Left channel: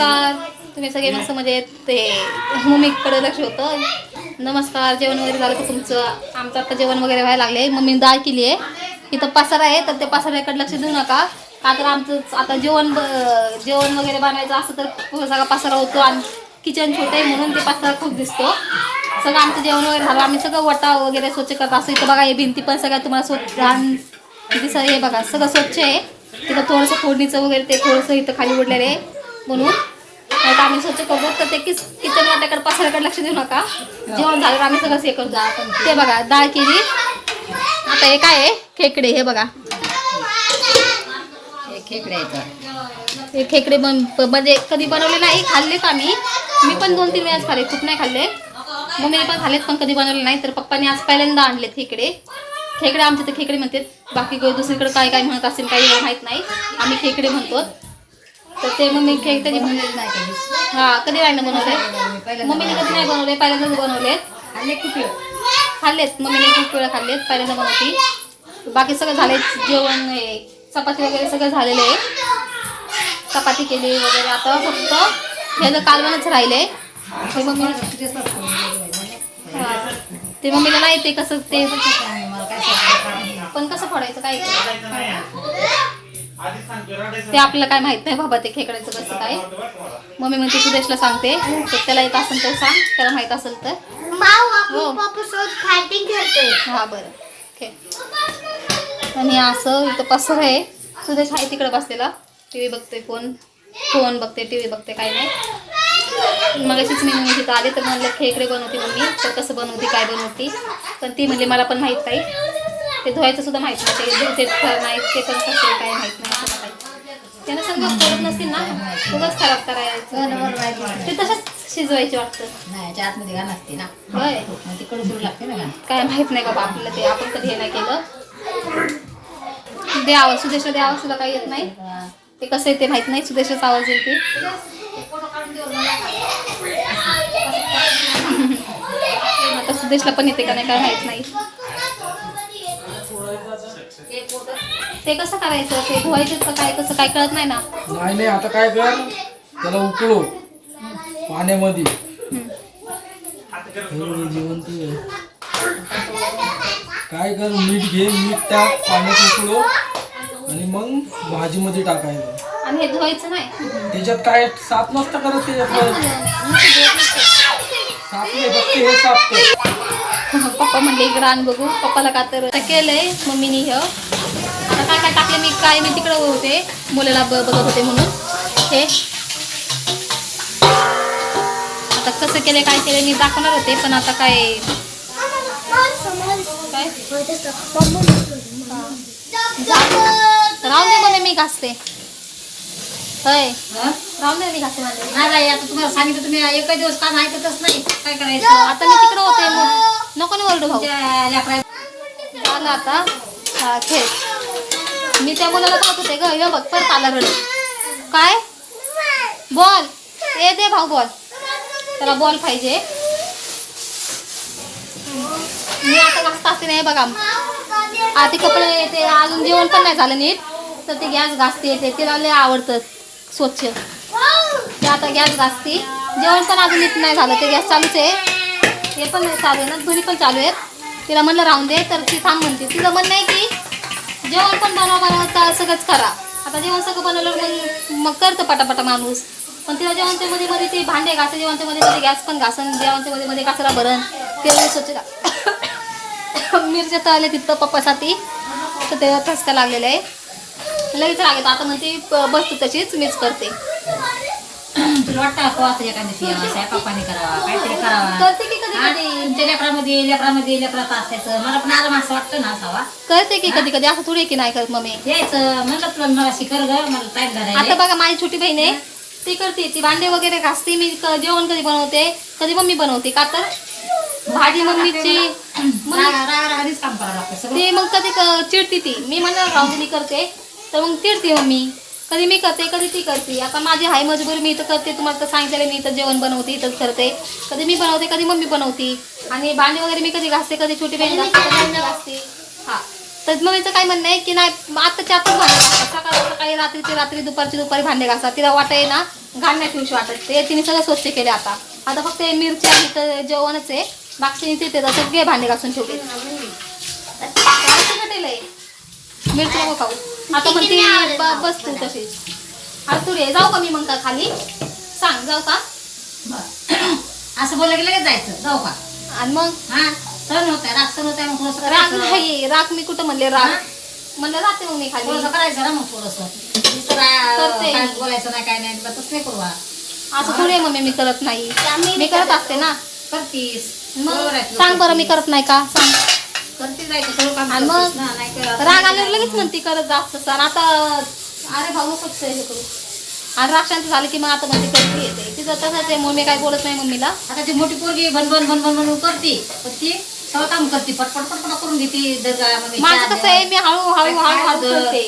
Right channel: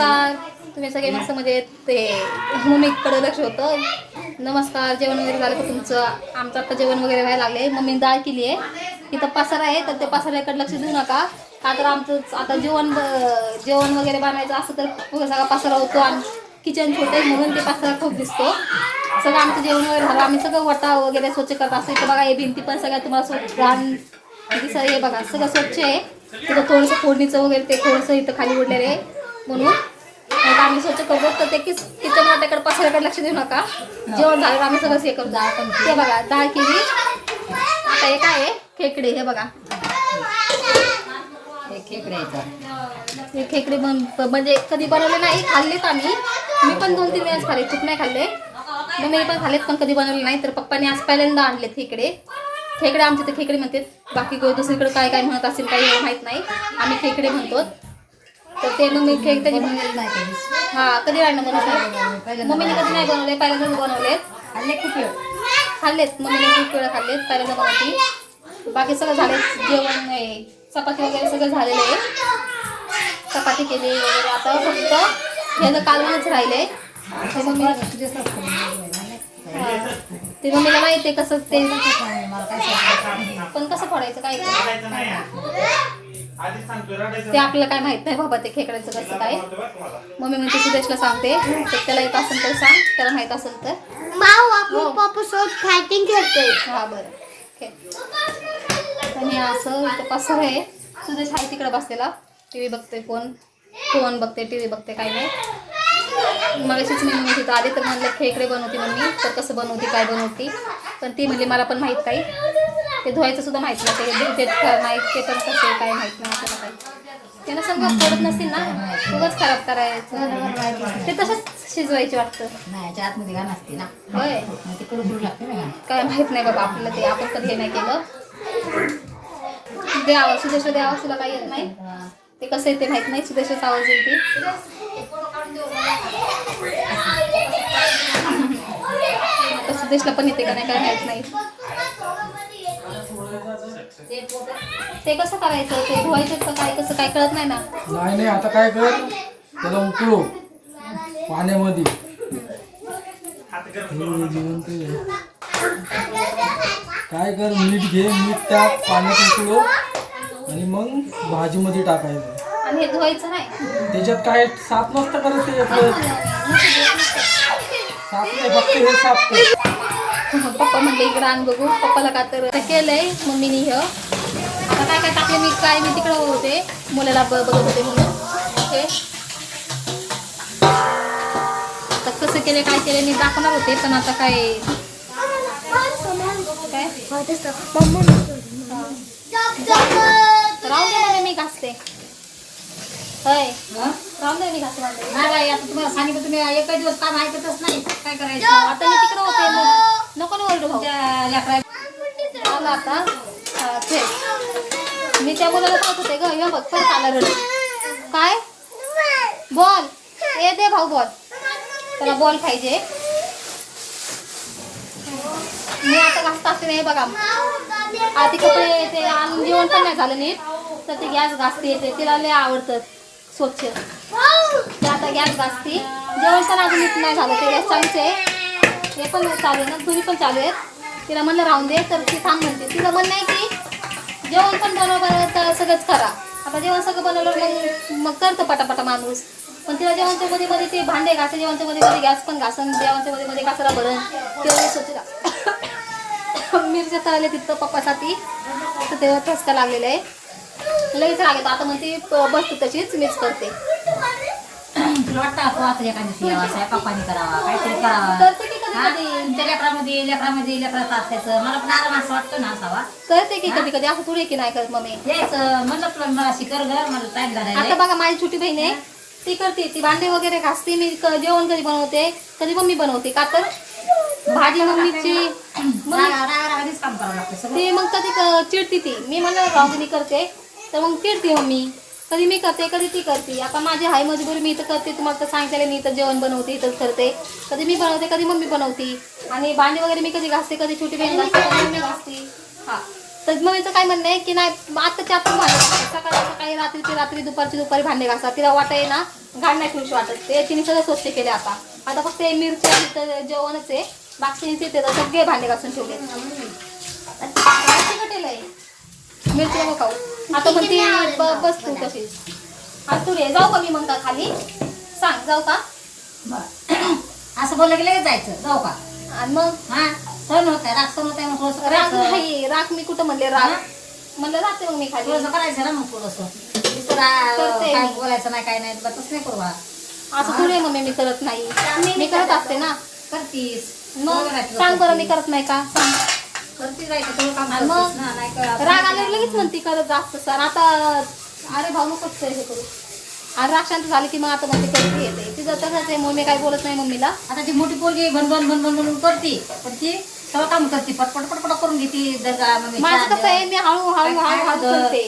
नमस्कार. तुम्ही सगळे मस्त म्हणजे ते मम्मीकडे लक्ष होतं. नमस्कार जेवण वगैरे झालं का तुमचं? आमचं आता जेवण वगैरे व्हायला लागले मम्मी डाळ केली आहे. इथं पसारा आहे तर ते पसाऱ्याकडे लक्ष देऊ नका. का तर आमचं आता जेवण ब- जेवण वगैरे बनवायचं असं तर खूप सगळा पसारा होतो आणि किचन छोटं आहे म्हणून ते पसारा खूप दिसतो. सगळं आमचं जेवण वगैरे झालं. आम्ही सगळं वटा वगैरे स्वच्छ करत असतो. इथं बघा हे भिंती पण सगळ्या तुम्हाला स्वच्छ घाण किती हे बघा सगळं स्वच्छ आहे. तिथं थोडंसं फोडणीचं वगैरे ते थोडंसं इथं खाली उडलेलं आहे म्हणून. नाही तर आम्ही स्वच्छ करतो तर ते किस किचन वाट्याकडे पसाऱ्याकडे लक्ष देऊ नका. जेवण झालं आम्ही सगळं हे करतो ते बघा डाळ केली. आता हे काय आहे? खेकडे हे बघा. हे खेकडे हे खेकडे बन म्हणजे कधी बनवले नाही खाल्लेत आम्ही. मी पण दोन तीन वेळाच खाल्ले खूप नाही खाल्ले. मम्मीने पण खाल्लेत पण कधी बनवले नाही. तर पप्पाने आज पहिल्यांदा आणलेत खेकडे. खेकडे आमच्या तर खेकडे म्हणतात. बाकी दुसरीकडे काय काय म्हणत असेल काही माहीत नाही. आम्ही खेकडे म्हणतो. तर ते मम्मी खेक त्याची बनवलेलं नाही कधी. हा कधी नाही ना बनवले मम्मीने कधी नाही बनवले पहिल्यांदाच बनवलेत? हल्ले खूप वेळ. खाल्लेत मम्मीने खूप वेळा खाल्लेत पहिल्यांदा बनवती. बाकी सगळं झाले जेवण हे चपाती वगैरे सगळं झालेलं आहे. चपाती केली वगैरे आता फक्त ह्याचं कालवणच राहिले. ते मम्मी हा. ते मम्मीला नाही ते कसं ते पण कसं फोडायचं काय? ते आपल्याला काय माहीत नाही बाबा ते खेकड्याचं कसं काय. मम्मी म्हणते सुदेशला सांगते. तर त्याला येत असेल तर सांग त्याला माहीत असेल तर. हो. हा बरं. आणि असं इथं पसर आहे सुदेश आहे तिकडे बसलेला. टी व्ही बघतोय फोन. फोन बघते टी व्ही बघते काय नाही. मग अशीच मी मम्मी तिथं आले तर म्हणलं खेकडे बनवते मम्मी. तर कसं बनवते काय बनवते. पण ती म्हणली मला पण माहीत नाही. ते धुवायचं सुद्धा माहीत नाही ते धुते नाही ते पण कसे काय माहीत नाही आपल्याला काही. त्यानं समजा पडत नसतील ना खूपच खराब करायचं. ते तसंच शिजवायचे वाटतं. नाही याच्या आतमध्ये घाण असते ना. होय. लागते काय माहीत नाही बाबा आपल्याला ते आपण कधी हे नाही केलं. द्यावं सुदेशला द्यावं तुला काही येत नाही. ते कसं आहे ते माहीत नाही सुदेशाचा आवाज येईल ते आता सुदेशला पण येते का नाही काय माहीत नाही. ते कसं करायचं? ते धुवायचं का काय? कसं काय कळत नाही ना? नाही नाही आता काय कर? त्याला उकळू. पाण्यामध्ये. आहे. काय कर? मीठ घे मीठ टाक पाण्यात उकळू आणि मग भाजीमध्ये टाकायचं. आणि हे धुवायचं नाही. त्याच्यात काय? साफ नसतं करत त्याच्यात. साफ नाही फक्त हे साफ कर. पप्पा म्हणले इकडं आण बघू. पप्पाला का तर केलंय मम्मीनी हे. आता काय काय टाकले मी काय मी तिकडं होते मुलाला ब बघत होते म्हणून. हे. आता कसं केले काय केले मी दाखवणार होते पण आता काय काय? राहून दे मी घासते. हं? आता तुम्हाला सांगितलं तुम्ही एक दिवस काम ऐकतच नाही? काय करायचं? आता मी तिकडं होते मग. नको नाही ओरडू भाऊ आता. खेळ मी त्या मुलाला पाहत होते ग. हे बघ परत आला रड काय? बॉल. ए दे भाऊ बॉल. त्याला बॉल पाहिजे. मी आता घासत असते नाही बघा. आधी कपडे ते अजून जेवण पण नाही झालं नीट. तर ते गॅस घासते ते तिला लय आवडतं स्वच्छ. ते आता गॅस घासते. जेवण पण अजून नीट नाही झालं. ते गॅस चालूच आहे. हे पण चालू आहे ना दोन्ही पण चालू आहेत. तिला म्हणलं राहून दे तर ती थांब म्हणते. तिचं म्हणणं आहे की जेवण पण बनवा बनवा सगळंच करा. आता जेवण सगळं बनवलं मग मग करतं पटापटा माणूस. पण तिला जेवणच्या मध्ये मध्ये ते भांडे घासे जेवणच्या मध्ये मध्ये गॅस पण घासन जेवणच्या मध्ये मध्ये कचरा भरण ते स्वच्छ मिरच्या तळले तिथं पप्पासाठी. तर ते ठसका लागलेलं आहे. लगेच लागेल आता म्हणते बसतो तशीच मीच करते. करते की कधी? कधी तुमच्या लेकरामध्ये लेकरामध्ये लेकरात असायचं. मला पण आराम असं वाटतं ना असावा. करते की कधी कधी असं थोडी की नाही करत मम्मी. यायचं म्हणलं तुला मला शिकर ग मला टाईम आता बघा माझी छोटी बहीण आहे. ती करते ती भांडे वगैरे घासते मी क- जेवण कधी बनवते कधी मम्मी बनवते. का तर भाजी मम्मीची. मम्मी रागा रागा रागानेच काम करावं लागतं सगळं. ती मग कधी क- चिडती ती. मी म्हणलं राहू दे मी करते. तर मग चिडते मम्मी. कधी मी करते कधी ती करते. आता माझी हाय मजबुरी मी इथं करते. तुम्हाला तर सांगितलेलं मी इथं जेवण बनवते इथंच करते. कधी मी बनवते कधी मम्मी बनवते. आणि भांडी वगैरे मी कधी घासते कधी छोटी बहीण घासते कधी मम्मी घासते. हा. तर मम्मीचं काय म्हणणं आहे की नाही आत्ताच्या आताच भांडे घासतात. सकाळी सकाळी रात्रीची रात्री दुपारची दुपारी भांडे घासतात. तिला वाटाय ना घाण नाही ठेवशी वाटत. ते तिने सगळं स्वच्छ केले आता. आता फक्त हे मिरच्या जेवणच आहे. बाकी तिथे सगळे भांडे घासून ठेवले. मिरची नको खाऊ. आता म्हणते ब- बस तू तशीच आता तू रे जाऊ का मी मग का खाली? सांग जाऊ का? बरं. असं बोललं की लगेच जायचं. जाऊ का? आणि मग? हा सण होत आहे रात सण होत आहे मग थोडंसं राग करायचं. नाही राग मी कुठं म्हणले राग? हा? म्हणलं राहते मग मी खाली. थोडंसं करायचं ना मग थोडंसं. करते. बोलायचं नाही काय नाही तसं नाही करू बा. असं थोडी आहे मम्मी मी करत नाही. मी करत असते ना. करतीस. मग बरोबर आहे तुझं सांग बरं मी. करत नाही का? सांग. करते जायचं सगळं काम आणि मग करतीस ना, नाही केलं राग आल्यावर लगेच म्हणते करत जास्त सर. आता अरे भाऊ नकोच हे करू. आणि राग शांत झाली की मग आता म्हणते करते येते तिचं तसंच आहे म्हणून मी काही बोलत नाही मम्मीला. आता ती मोठी पोरगी भनभन भनभन म्हणून करते पण ती सगळं काम करते पटपट पटपट करून घेते दर्गा मग माझं कसं आहे मी हळू हळू हळू हळू करते.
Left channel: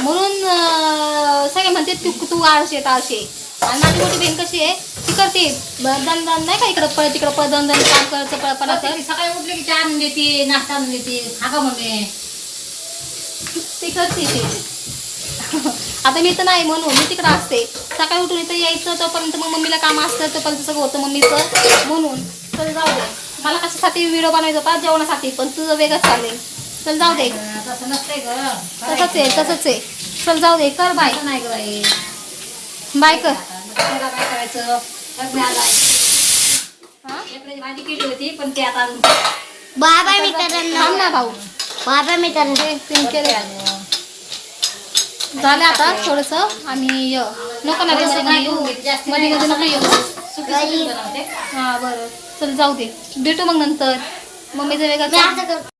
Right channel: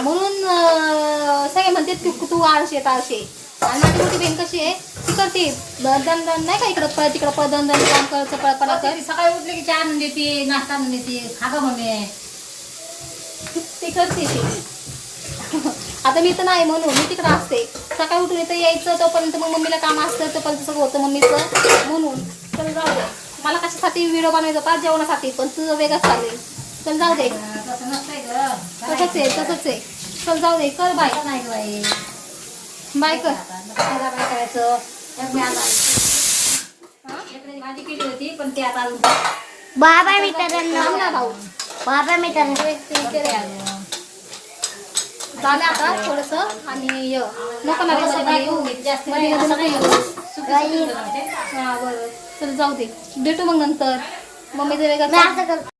म्हणून अं, सगळे म्हणते तू तू आळशे ताळशे आणि माझी मोठी बहीण कशी आहे करते. दन दन नाही का इकडं पळ तिकडं पळ दन दन काम कर चपळपणा कर. सकाळी उठले की चहा आणून देते नाश्ता आणून देते खा मम्मी. ती करते ती. आता मी तर नाही म्हणून मी तिकडं असते. सकाळी उठून इथं यायचं तोपर्यंत मग मम्मीला काम असतं तोपर्यंत सगळं होतं मम्मीचं. म्हणून चल जाऊ दे. मला कशासाठी व्हिडिओ बनवायचा? होता जेवणासाठी पण तुझं वेगळंच चालेल चल जाऊ दे. तसंच आहे तसंच आहे. चल जाऊ दे कर बाय. नाही बाय कर. काय करायचं? तर मी आता लेकराची भाजी केली होती पण ते आता बाबा मित्रांनो. भाऊ बाबा मित्रांनो. झालं आता थोडस आणि य. नको ना मध्ये येऊ. मध्ये मध्ये नको येऊ. हा बरं. चल जाऊ दे. भेटू मग नंतर. मम्मीचं वेगळं